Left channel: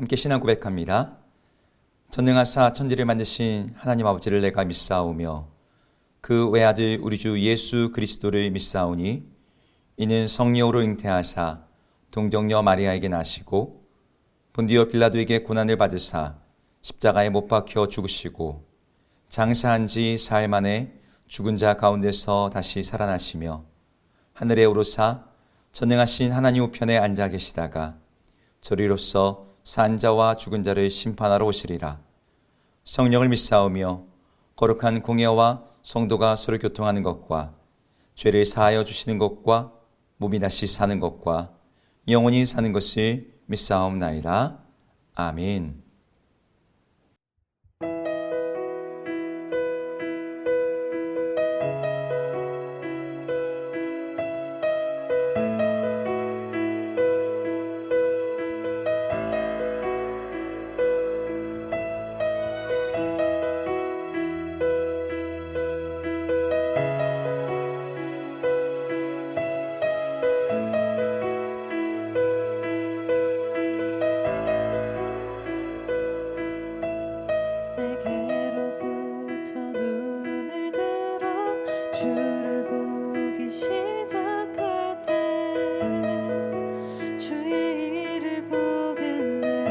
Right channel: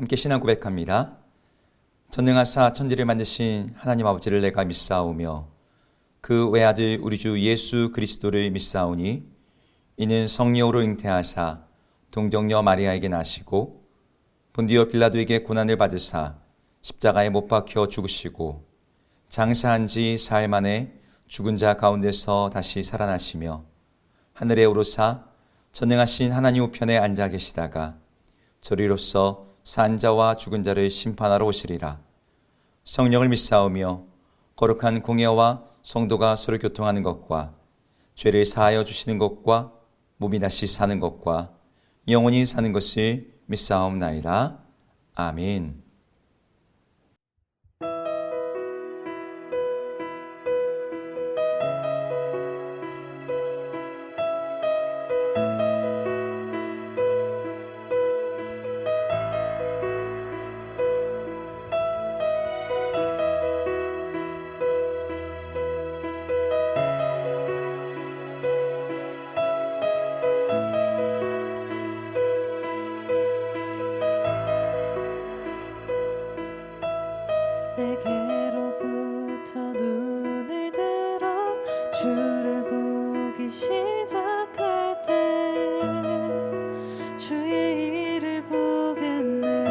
함께 신앙 고백합니다. 전능하사 천지를 만드신 하나님 아버지를 내가 믿사오며 그 외아들 우리 주 예수 그리스도를 믿사오니 이는 성령으로 잉태하사 동정녀 마리아에게 나시고 본디오 빌라도에게 고난을 받으사 십자가에 못 박혀 죽으시고 장사한 지 사흘 만에 죽은 자 가운데서 다시 살아나시며 하늘에 오르사 전능하신 하나님 우편에 앉아 계시다가 저리로서 산 자와 죽은 자를 심판하러 오시리라. 성령을 믿사오며 거룩한 공예와 성도가 서로 교통하는 것과 죄를 사하여 주시는 것과 몸이 다시 사는 것과 영원히 사는 것을 믿사옵나이다. 아멘. 내게로부터 눈을 들어 주를 보기 시작할 때 주의 일을 보겠네.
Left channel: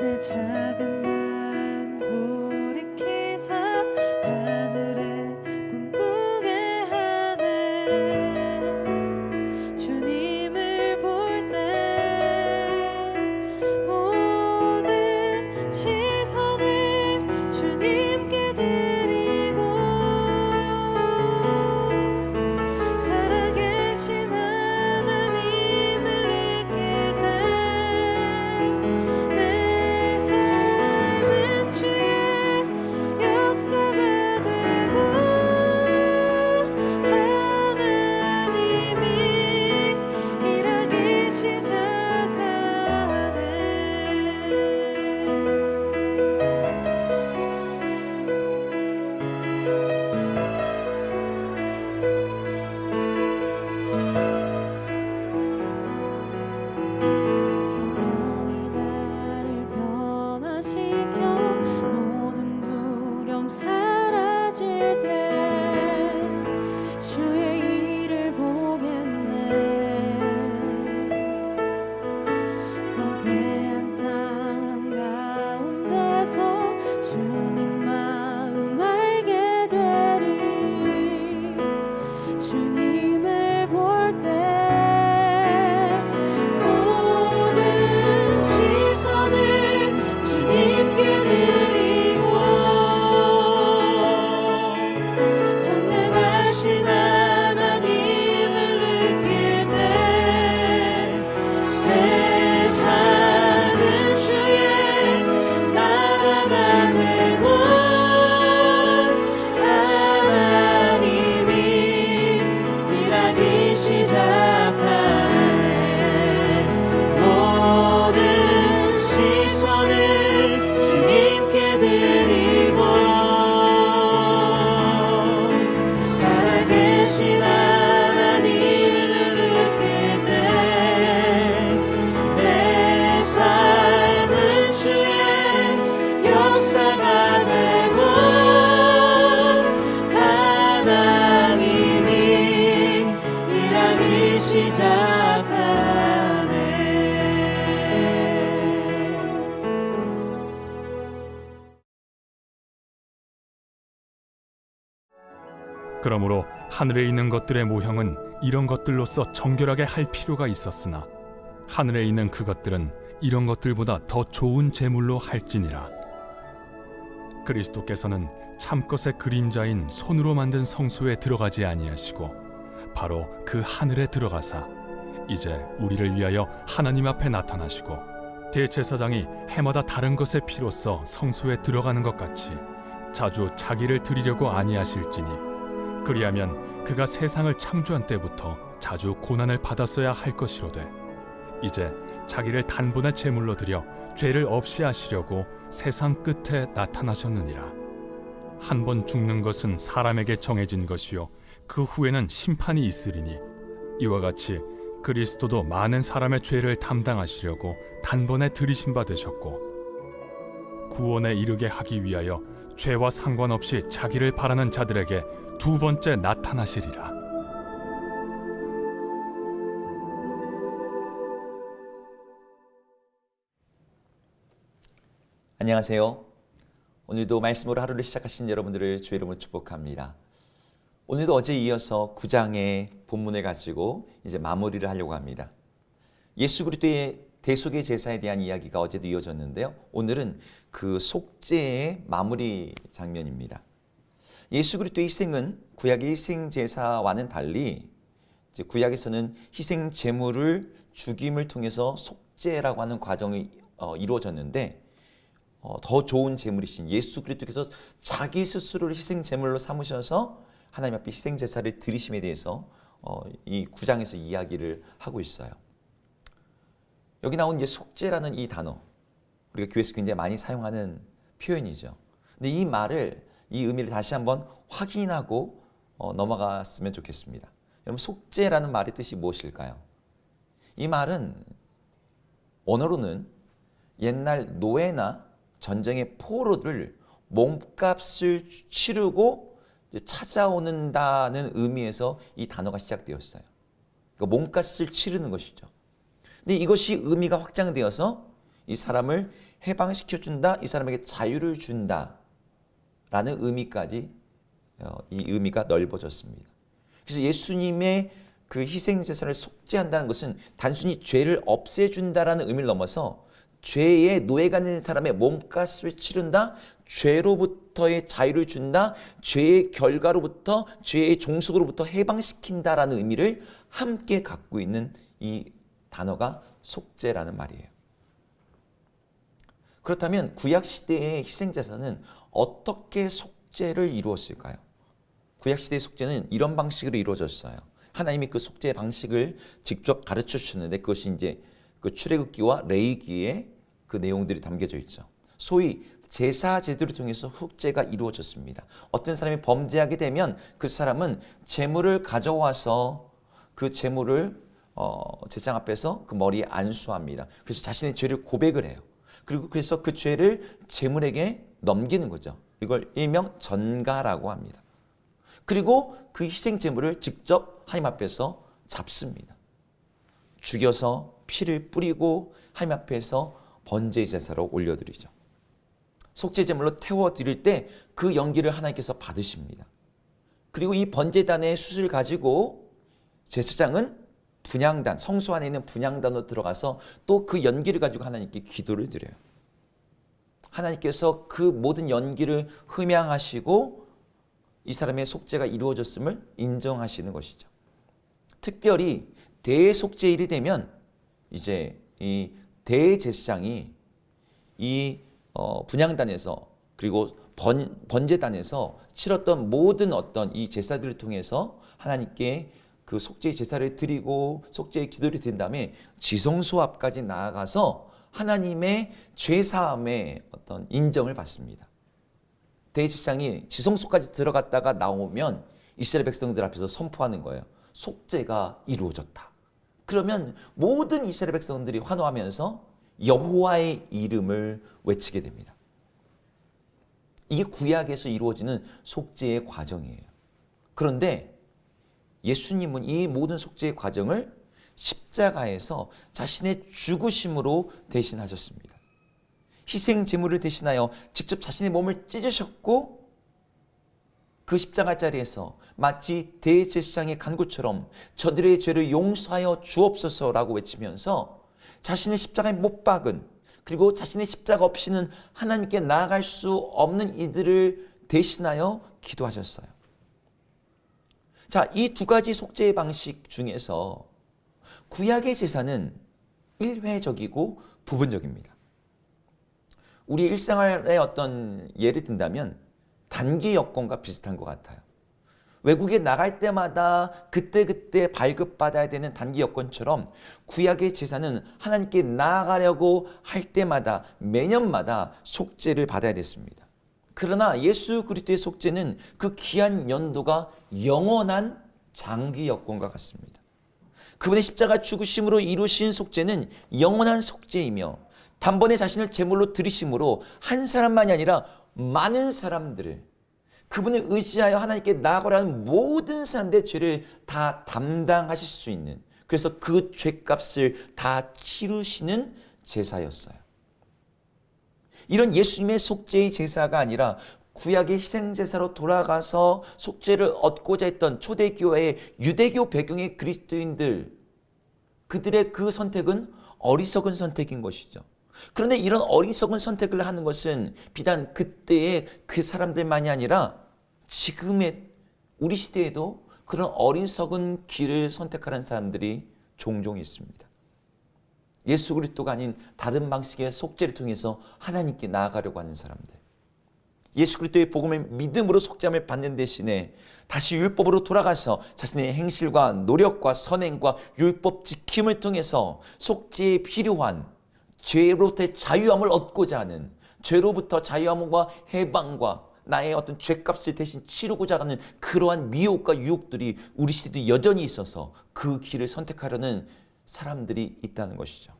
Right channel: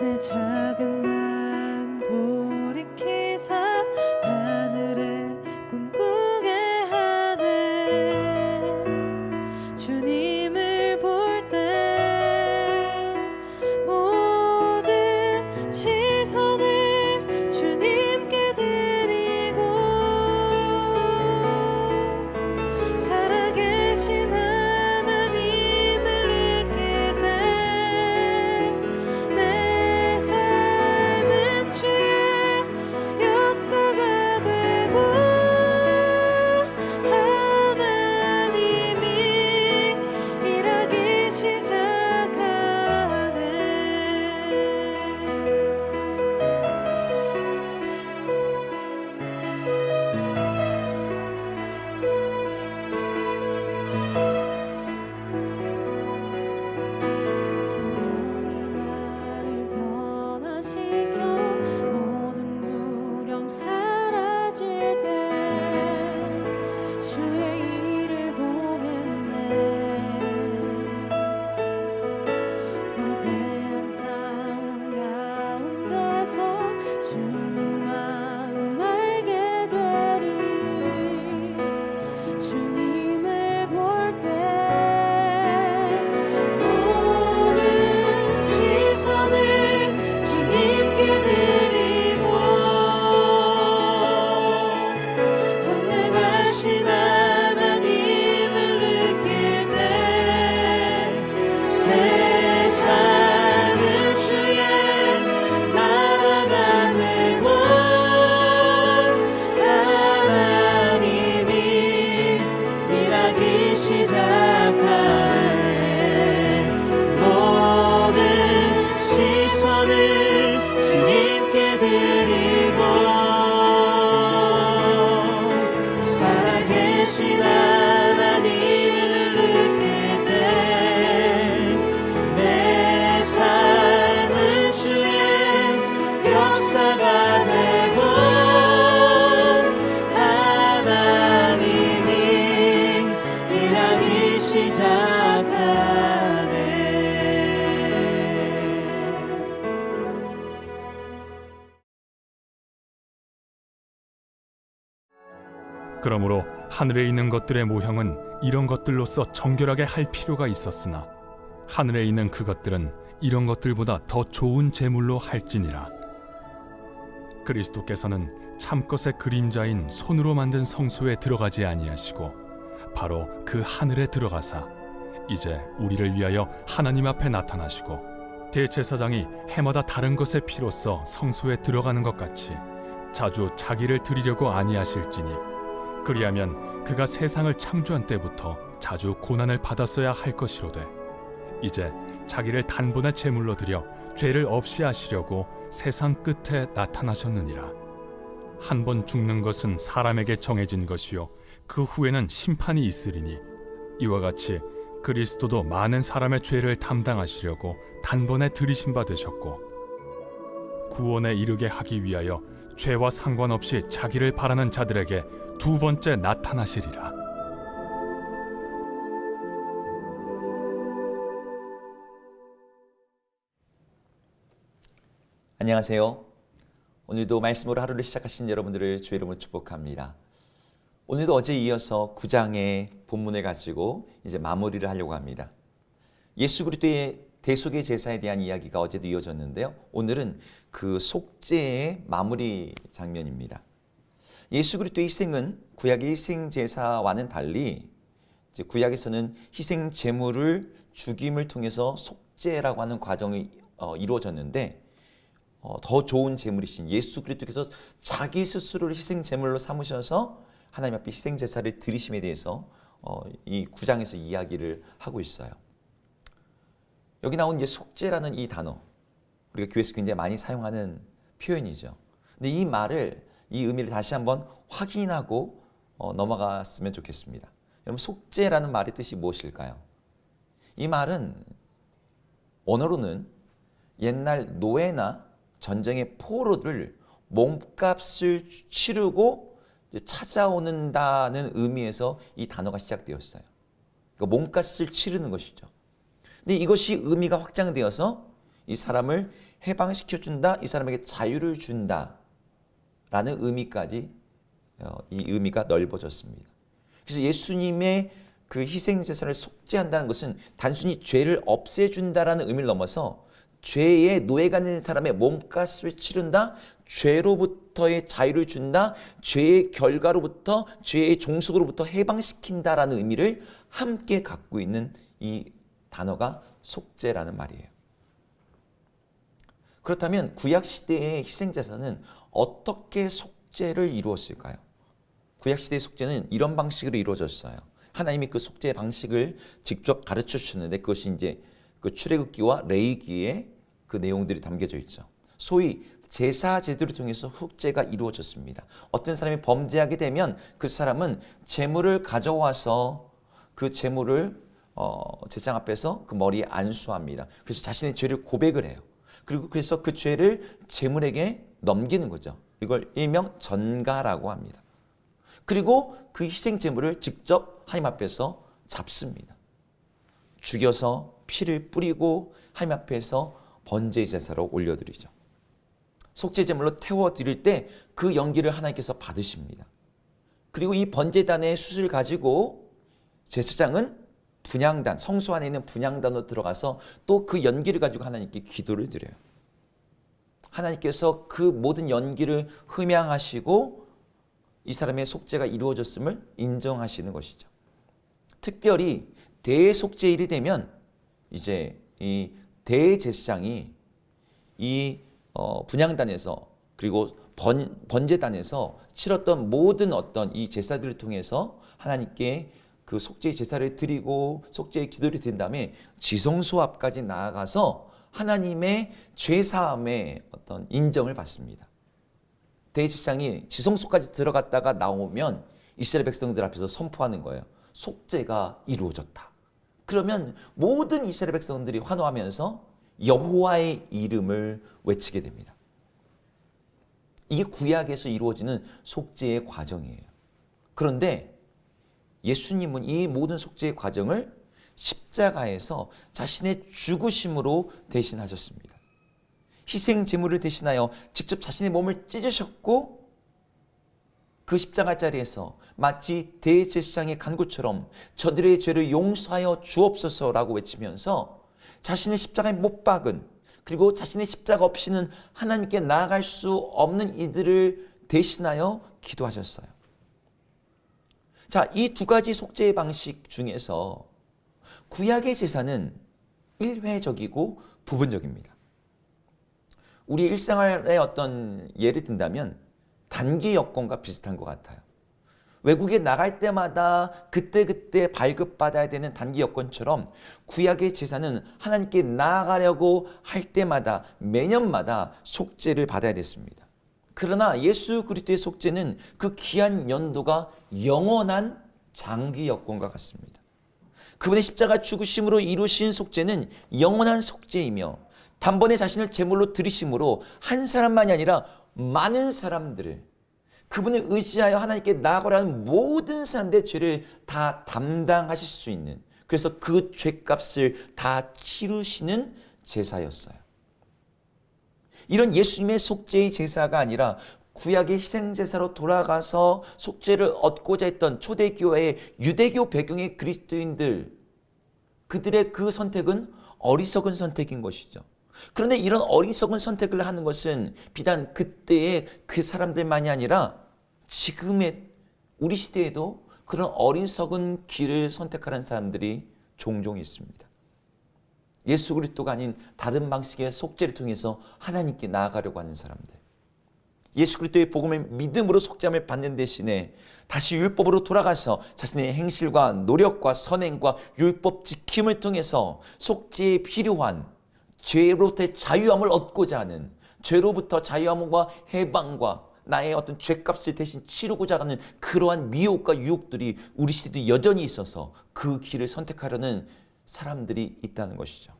내 작은 마음 돌이키사 하늘에 꿈꾸게 하네. 주님을 볼 때 시선을 주님께 드리고 살아계신 하나님을 느낄 때 내 삶은 주의 역사가 되고 하나님이 일하기 시작하네. 성령이 나를 변화시켜 모든 두려움 사라질 때 주의 일을 보겠네. 황폐한 땅 가운데서 주님 마음 알게 되리. 주님을 볼 때 모든 시선을 주님께 드리고 전능하신 하나님을 느낄 때 세상은 주의 나라가 되고 하나님이 일하기 시작하네. 모든 시선을 주님께 드리고 살아계신 하나님을 느낄 때 내 삶은 주의 역사가 되고 하나님이 일하기 시작하네. 그러므로 하늘에 있는 것들의 모형은 이런 것들로서 정결하게 할 필요가 있었으나 하늘에 있는 그것들은 이런 것들보다 더 좋은 제물로 할지니라. 그리스도께서는 참것의 그림자인 손으로 만든 성소에 들어가지 아니하시고 바로 그 하늘에 들어가사 이제 우리를 위하여 하나님 앞에 나타나시고 대제사장이 해마다 다른 것의 피로써 성소에 들어가는 것 같이 자주 자기를 드리려고 아니하실지니 그리하면 그가 세상을 창조한 때부터 자주 고난을 받았어야 할 것이로되 이제 자기를 단번에 제물로 드려 죄를 없이 하시려고 세상 끝에 나타나셨느니라. 한 번 죽는 것은 사람에게 정해진 것이요 그 후에는 심판이 있으리니 이와 같이 그리스도도 많은 사람의 죄를 담당하시려고 단번에 들이신 바 되셨고 구원에 이르게 하기 위하여 죄와 상관없이 자기를 바라는 자들에게 두 번째 나타나시리라. 안녕하세요. 오늘도 말씀으로 하루를 시작하신 여러분들을 주의 이름으로 축복합니다. 오늘도 어제에 이어서 9장의 본문을 가지고 이제 마무리를 하려고 합니다. 예수 그리스도의 대속의 제사에 대한 이야기가 어제도 이어졌는데요. 오늘은 그 속죄의 마무리 장면입니다. 예수 그리스도의 희생은 구약의 희생 제사와는 달리 이제 구약에서는 희생 제물을 죽임을 통해서 속죄라고 하는 과정이 이루어졌는데 더 좋은 제물이신 예수 그리스도께서 자기 스스로를 희생 제물로 삼으셔서 하나님 앞에 희생 제사를 드리심에 대해서 이 9장에서 이야기를 하고 있어요. 여기 나온 이제 속죄라는 이 단어, 우리가 교회에서 굉장히 많이 사용하는 표현이죠. 근데 이 말을, 이 의미를 다시 한번 확인하고 넘어갔으면 좋겠습니다. 여러분, 속죄라는 말의 뜻이 무엇일까요? 이 말은 원어로는 옛날 노예나 전쟁의 포로를 몸값을 치르고 찾아오는다는 의미에서 이 단어가 시작되었어요. 그러니까 몸값을 치르는 것이죠. 근데 이것이 의미가 확장되어서 이 사람을 해방시켜준다, 이 사람에게 자유를 준다라는 의미까지 이 의미가 넓어졌습니다. 그래서 예수님의 그 희생제사를 속죄한다는 것은 단순히 죄를 없애준다라는 의미를 넘어서 죄의 노예가 된 사람의 몸값을 치른다, 죄로부터의 자유를 준다, 죄의 결과로부터, 죄의 종속으로부터 해방시킨다라는 의미를 함께 갖고 있는 이 단어가 속죄라는 말이에요. 그렇다면 구약시대의 희생제사는 어떻게 속죄를 이루었을까요? 구약시대의 속죄는 이런 방식으로 이루어졌어요. 하나님이 그 속죄의 방식을 직접 가르쳐 주셨는데 그것이 이제 그 출애굽기와 레위기에 그 내용들이 담겨져 있죠. 소위 제사 제도를 통해서 속죄가 이루어졌습니다. 어떤 사람이 범죄하게 되면 그 사람은 제물을 가져와서 그 제물을 제장 앞에서 그 머리에 안수합니다. 그래서 자신의 죄를 고백을 해요. 그리고 그래서 그 죄를 제물에게 넘기는 거죠. 이걸 일명 전가라고 합니다. 그리고 그 희생 제물을 직접 하나님 앞에서 잡습니다. 죽여서 피를 뿌리고 하나님 앞에서 번제 제사로 올려드리죠. 속죄 제물로 태워드릴 때 그 연기를 하나님께서 받으십니다. 그리고 이 번제단의 숯을 가지고 제사장은 분향단, 성소 안에 있는 분향단으로 들어가서 또 그 연기를 가지고 하나님께 기도를 드려요. 하나님께서 그 모든 연기를 흠양하시고 이 사람의 속죄가 이루어졌음을 인정하시는 것이죠. 특별히 대속죄일이 되면 이제 이 대제사장이 이 분향단에서 그리고 번제단에서 치렀던 모든 어떤 이 제사들을 통해서 하나님께 그 속죄 제사를 드리고 속죄의 기도를 드린 다음에 지성소 앞까지 나아가서 하나님의 죄사함의 어떤 인정을 받습니다. 대제사장이 지성소까지 들어갔다가 나오면 이스라엘 백성들 앞에서 선포하는 거예요. 속죄가 이루어졌다. 그러면 모든 이스라엘 백성들이 환호하면서 여호와의 이름을 외치게 됩니다. 이게 구약에서 이루어지는 속죄의 과정이에요. 그런데 예수님은 이 모든 속죄의 과정을 십자가에서 자신의 죽으심으로 대신하셨습니다. 희생 제물을 대신하여 직접 자신의 몸을 찢으셨고 그 십자가 자리에서 마치 대제사장의 간구처럼 저들의 죄를 용서하여 주옵소서라고 외치면서 자신의 십자가에 못 박은 그리고 자신의 십자가 없이는 하나님께 나아갈 수 없는 이들을 대신하여 기도하셨어요. 자, 이 두 가지 속죄의 방식 중에서 구약의 제사는 일회적이고 부분적입니다. 우리 일생활의 어떤 예를 든다면 단기 여권과 비슷한 것 같아요. 외국에 나갈 때마다 그때그때 발급받아야 되는 단기 여권처럼 구약의 제사는 하나님께 나아가려고 할 때마다 매년마다 속죄를 받아야 됐습니다. 그러나 예수 그리스도의 속죄는 그 기한 연도가 영원한 장기 여권과 같습니다. 그분의 십자가 죽으심으로 이루신 속죄는 영원한 속죄이며 단번에 자신을 제물로 드리심으로 한 사람만이 아니라 많은 사람들을 그분을 의지하여 하나님께 나아가라는 모든 사람들의 죄를 다 담당하실 수 있는, 그래서 그 죄값을 다 치르시는 제사였어요. 이런 예수님의 속죄의 제사가 아니라 구약의 희생제사로 돌아가서 속죄를 얻고자 했던 초대교회의 유대교 배경의 그리스도인들, 그들의 그 선택은 어리석은 선택인 것이죠. 그런데 이런 어리석은 선택을 하는 것은 비단 그때의 그 사람들만이 아니라 지금의 우리 시대에도 그런 어리석은 길을 선택하는 사람들이 종종 있습니다. 예수 그리스도가 아닌 다른 방식의 속죄를 통해서 하나님께 나아가려고 하는 사람들, 예수 그리스도의 복음을 믿음으로 속죄함을 받는 대신에 다시 율법으로 돌아가서 자신의 행실과 노력과 선행과 율법 지킴을 통해서 속죄에 필요한 죄로부터의 자유함을 얻고자 하는, 죄로부터 자유함과 해방과 나의 어떤 죄값을 대신 치르고자 하는 그러한 미혹과 유혹들이 우리 시대도 여전히 있어서 그 길을 선택하려는 사람들이 있다는 것이죠.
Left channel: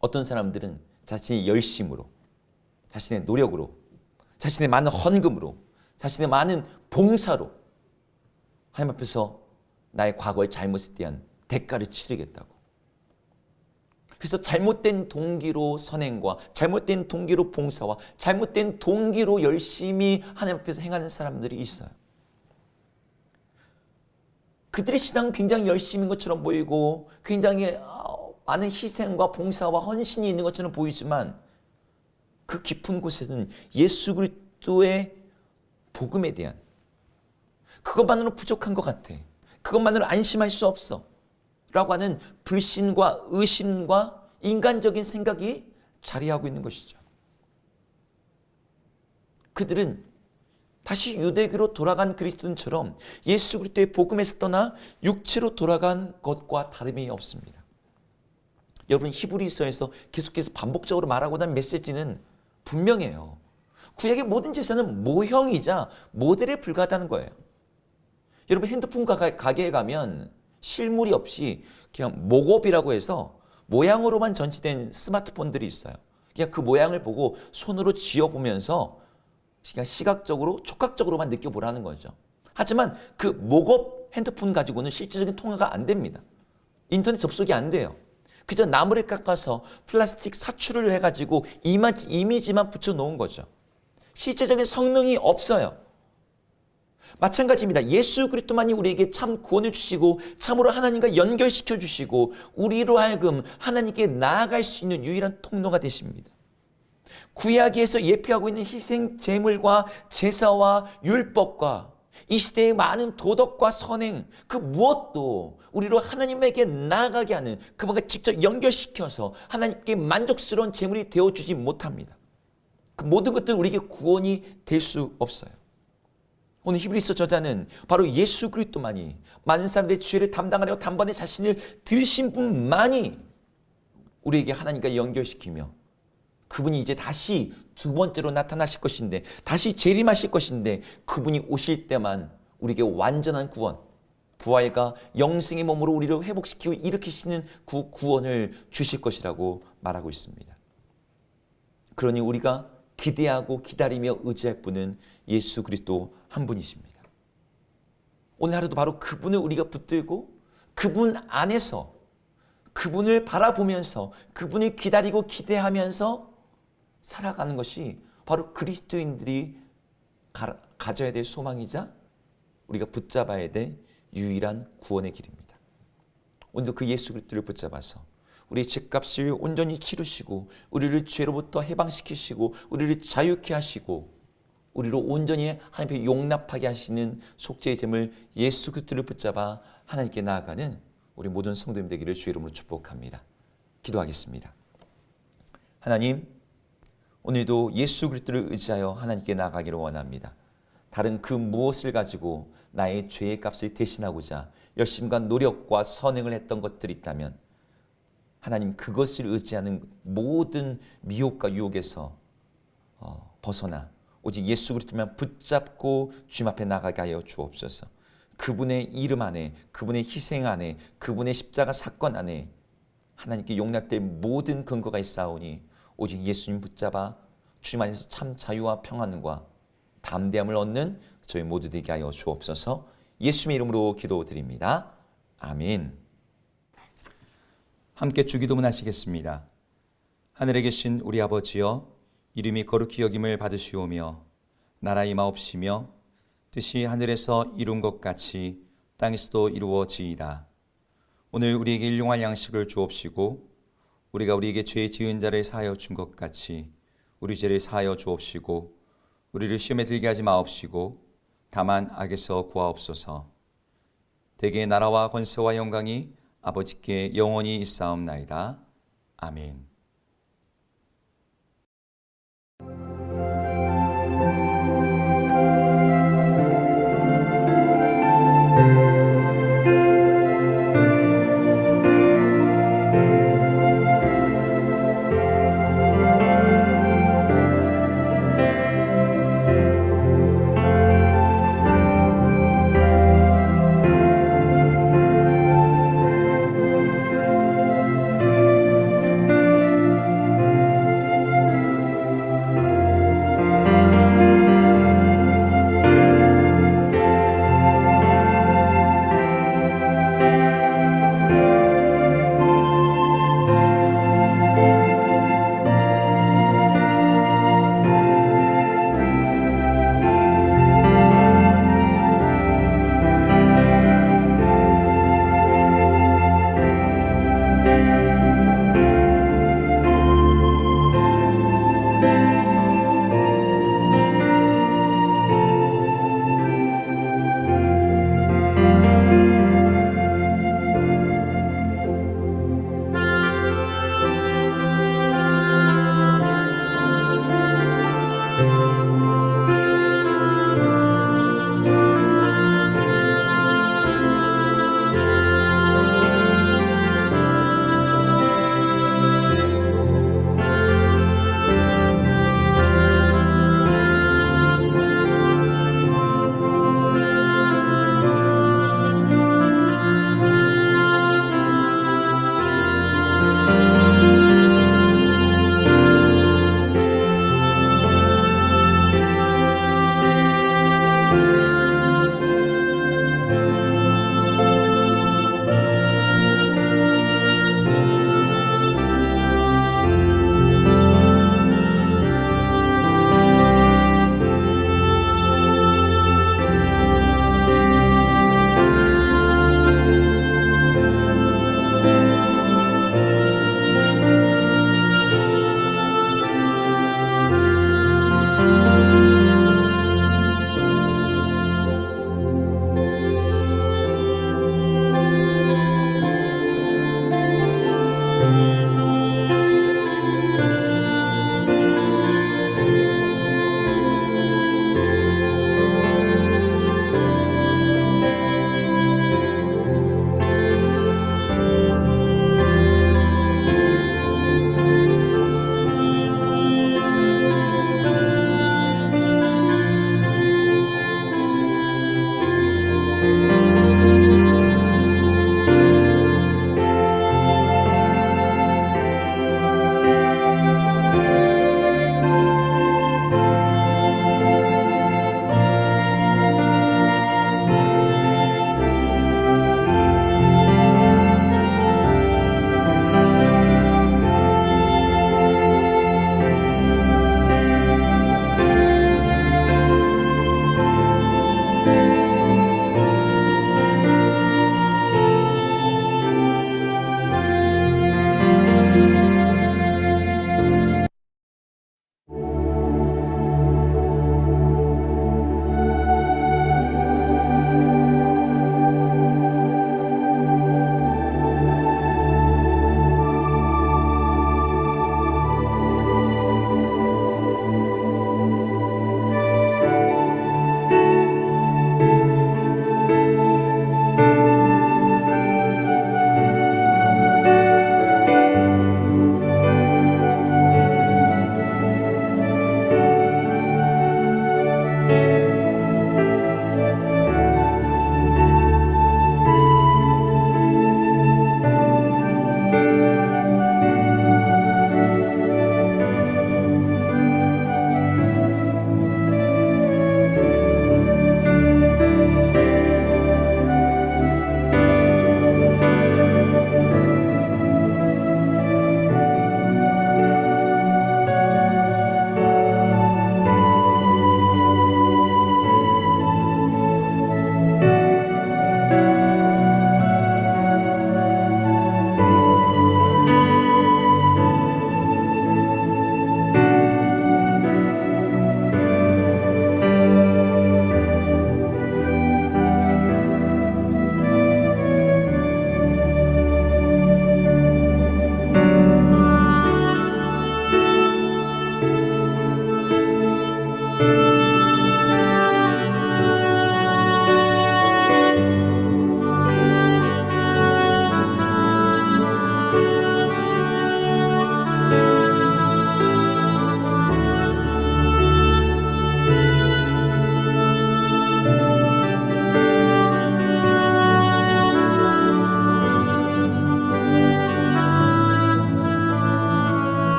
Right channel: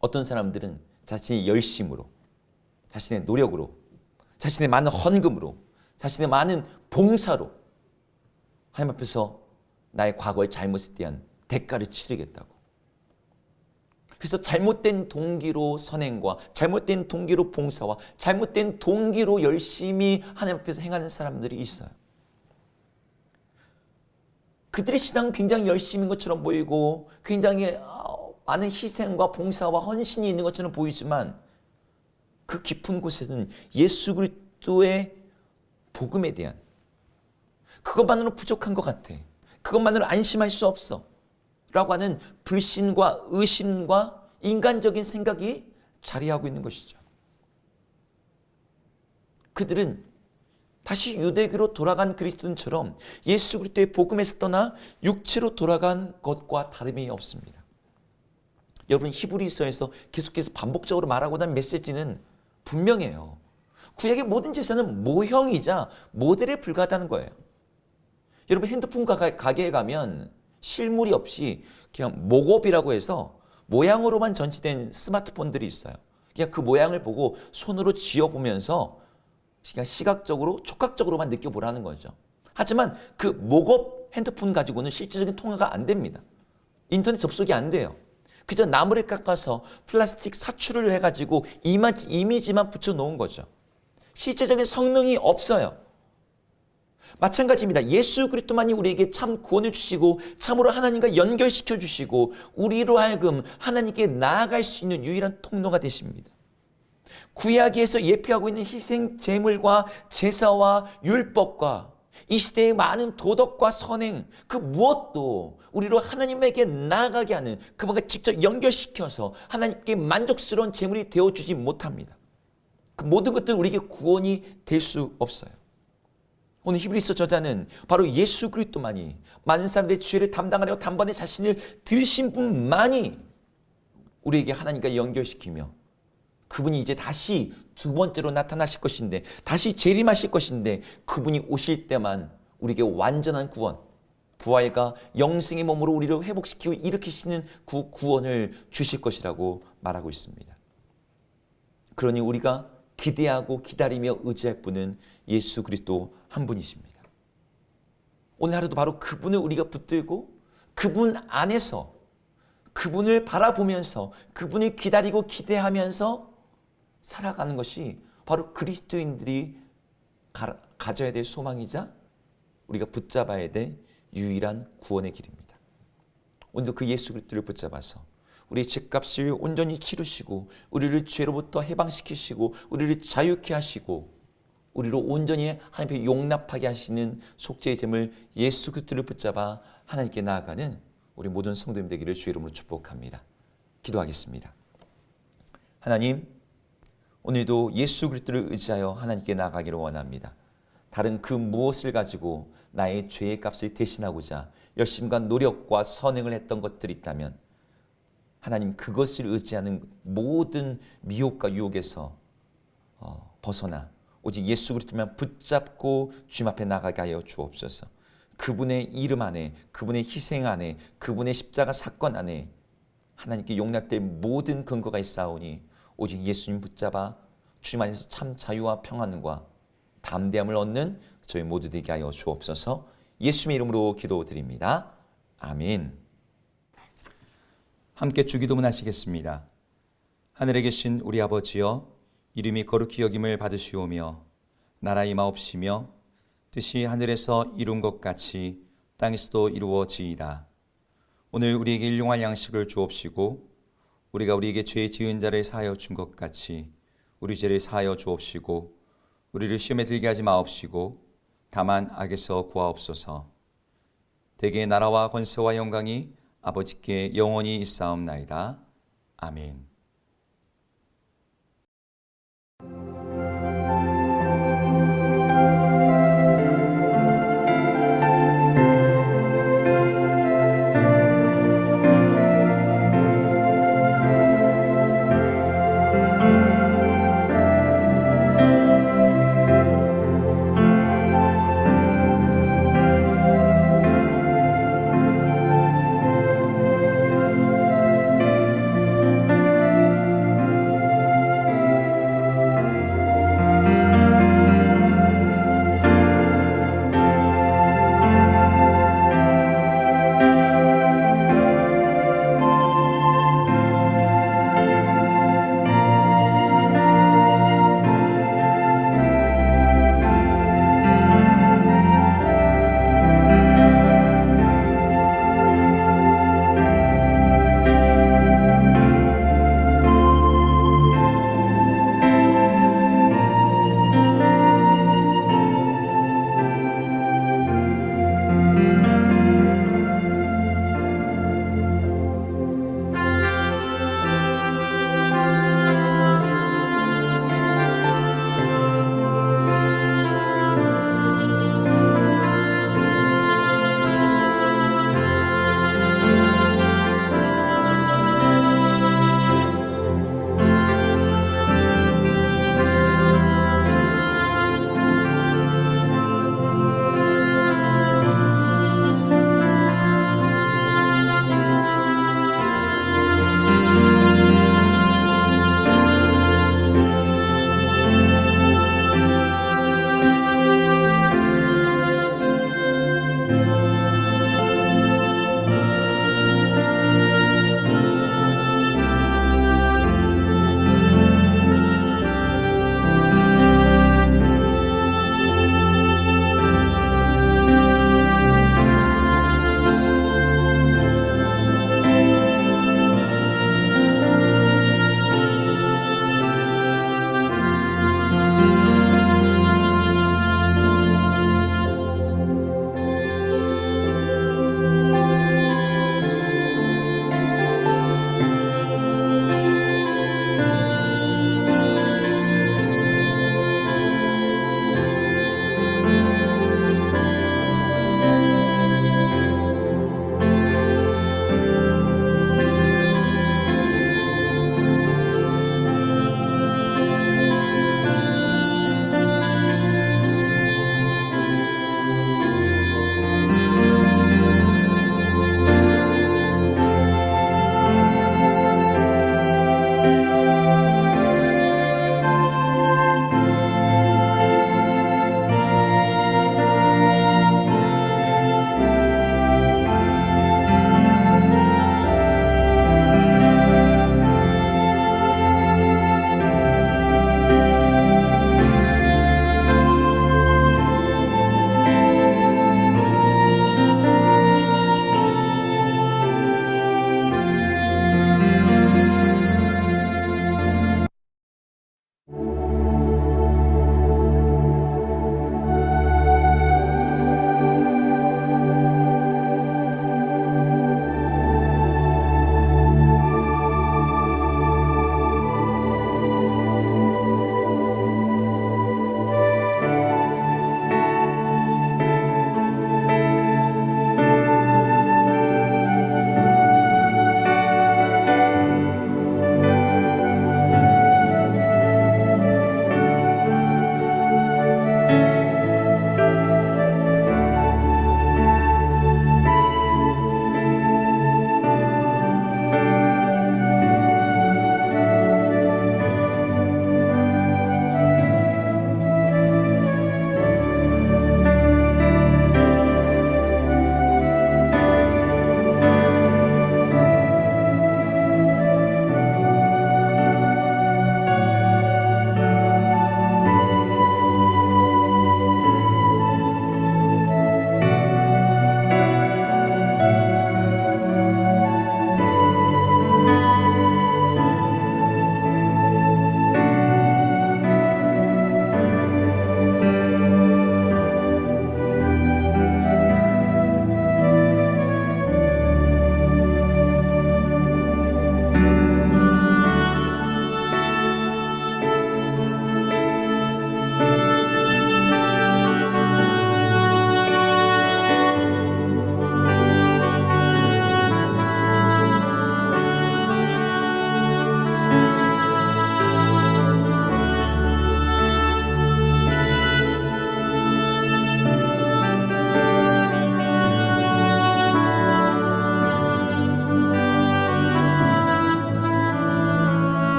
어떤 사람들은 자신의 열심으로, 자신의 노력으로, 자신의 많은 헌금으로, 자신의 많은 봉사로 하나님 앞에서 나의 과거의 잘못에 대한 대가를 치르겠다고. 그래서 잘못된 동기로 선행과 잘못된 동기로 봉사와 잘못된 동기로 열심히 하나님 앞에서 행하는 사람들이 있어요. 그들의 신앙은 굉장히 열심인 것처럼 보이고 굉장히 많은 희생과 봉사와 헌신이 있는 것처럼 보이지만 그 깊은 곳에는 예수 그리스도의 복음에 대한, 그것만으로는 부족한 것 같아, 그것만으로 안심할 수 없어 라고 하는 불신과 의심과 인간적인 생각이 자리하고 있는 것이죠. 그들은 다시 유대교로 돌아간 그리스도인처럼 예수 그리스도의 복음에서 떠나 육체로 돌아간 것과 다름이 없습니다. 여러분, 히브리서에서 계속해서 반복적으로 말하고 있는 메시지는 분명해요. 구약의 모든 제사는 모형이자 모델에 불과하다는 거예요. 여러분, 핸드폰 가게에 가면 실물이 없이 그냥 모kop이라고 해서 모양으로만 전시된 스마트폰들이 있어요. 그냥 그 모양을 보고 손으로 쥐어보면서 그냥 시각적으로, 촉각적으로만 느껴보라는 거죠. 하지만 그 모kop 핸드폰 가지고는 실질적인 통화가 안 됩니다. 인터넷 접속이 안 돼요. 그저 나무를 깎아서 플라스틱 사출을 해가지고 이미지만 붙여놓은 거죠. 실제적인 성능이 없어요. 마찬가지입니다. 예수 그리스도만이 우리에게 참 구원을 주시고 참으로 하나님과 연결시켜 주시고 우리로 하여금 하나님께 나아갈 수 있는 유일한 통로가 되십니다. 구약에서 예표하고 있는 희생 제물과 제사와 율법과 이 시대의 많은 도덕과 선행, 그 무엇도 우리로 하나님에게 나아가게 하는, 그분과 직접 연결시켜서 하나님께 만족스러운 제물이 되어주지 못합니다. 그 모든 것들 우리에게 구원이 될 수 없어요. 오늘 히브리서 저자는 바로 예수 그리스도만이, 많은 사람들의 죄를 담당하려 단번에 자신을 들이신 분만이 우리에게 하나님과 연결시키며 그분이 이제 다시 두 번째로 나타나실 것인데, 다시 재림하실 것인데, 그분이 오실 때만 우리에게 완전한 구원, 부활과 영생의 몸으로 우리를 회복시키고 일으키시는 그 구원을 주실 것이라고 말하고 있습니다. 그러니 우리가 기대하고 기다리며 의지할 분은 예수 그리스도 한 분이십니다. 오늘 하루도 바로 그분을 우리가 붙들고 그분 안에서, 그분을 바라보면서, 그분을 기다리고 기대하면서 살아가는 것이 바로 그리스도인들이 가져야 될 소망이자 우리가 붙잡아야 될 유일한 구원의 길입니다. 오늘도 그 예수 그리스도를 붙잡아서 우리의 죄값을 온전히 치르시고 우리를 죄로부터 해방시키시고 우리를 자유케 하시고 우리로 온전히 하나님 앞에 용납하게 하시는 속죄의 제물 예수 그리스도를 붙잡아 하나님께 나아가는 우리 모든 성도님 되기를 주의 이름으로 축복합니다. 기도하겠습니다. 하나님, 오늘도 예수 그리스도를 의지하여 하나님께 나아가기를 원합니다. 다른 그 무엇을 가지고 나의 죄의 값을 대신하고자 열심과 노력과 선행을 했던 것들이 있다면 하나님, 그것을 의지하는 모든 미혹과 유혹에서 벗어나 오직 예수 그리스도만 붙잡고 주님 앞에 나가게 하여 주옵소서. 그분의 이름 안에, 그분의 희생 안에, 그분의 십자가 사건 안에 하나님께 용납될 모든 근거가 있사오니 오직 예수님 붙잡아 주님 안에서 참 자유와 평안과 담대함을 얻는 저희 모두 되게 하여 주옵소서. 예수님의 이름으로 기도드립니다. 아멘. 함께 주기도문 하시겠습니다. 하늘에 계신 우리 아버지여, 이름이 거룩히 여김을 받으시오며 나라 임하옵시며 뜻이 하늘에서 이룬 것 같이 땅에서도 이루어지이다. 오늘 우리에게 일용할 양식을 주옵시고 우리가 우리에게 죄 지은 자를 사하여 준 것 같이 우리 죄를 사하여 주옵시고 우리를 시험에 들게 하지 마옵시고 다만 악에서 구하옵소서. 대개 나라와 권세와 영광이 아버지께 영원히 있사옵나이다. 아멘.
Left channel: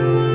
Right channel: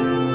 주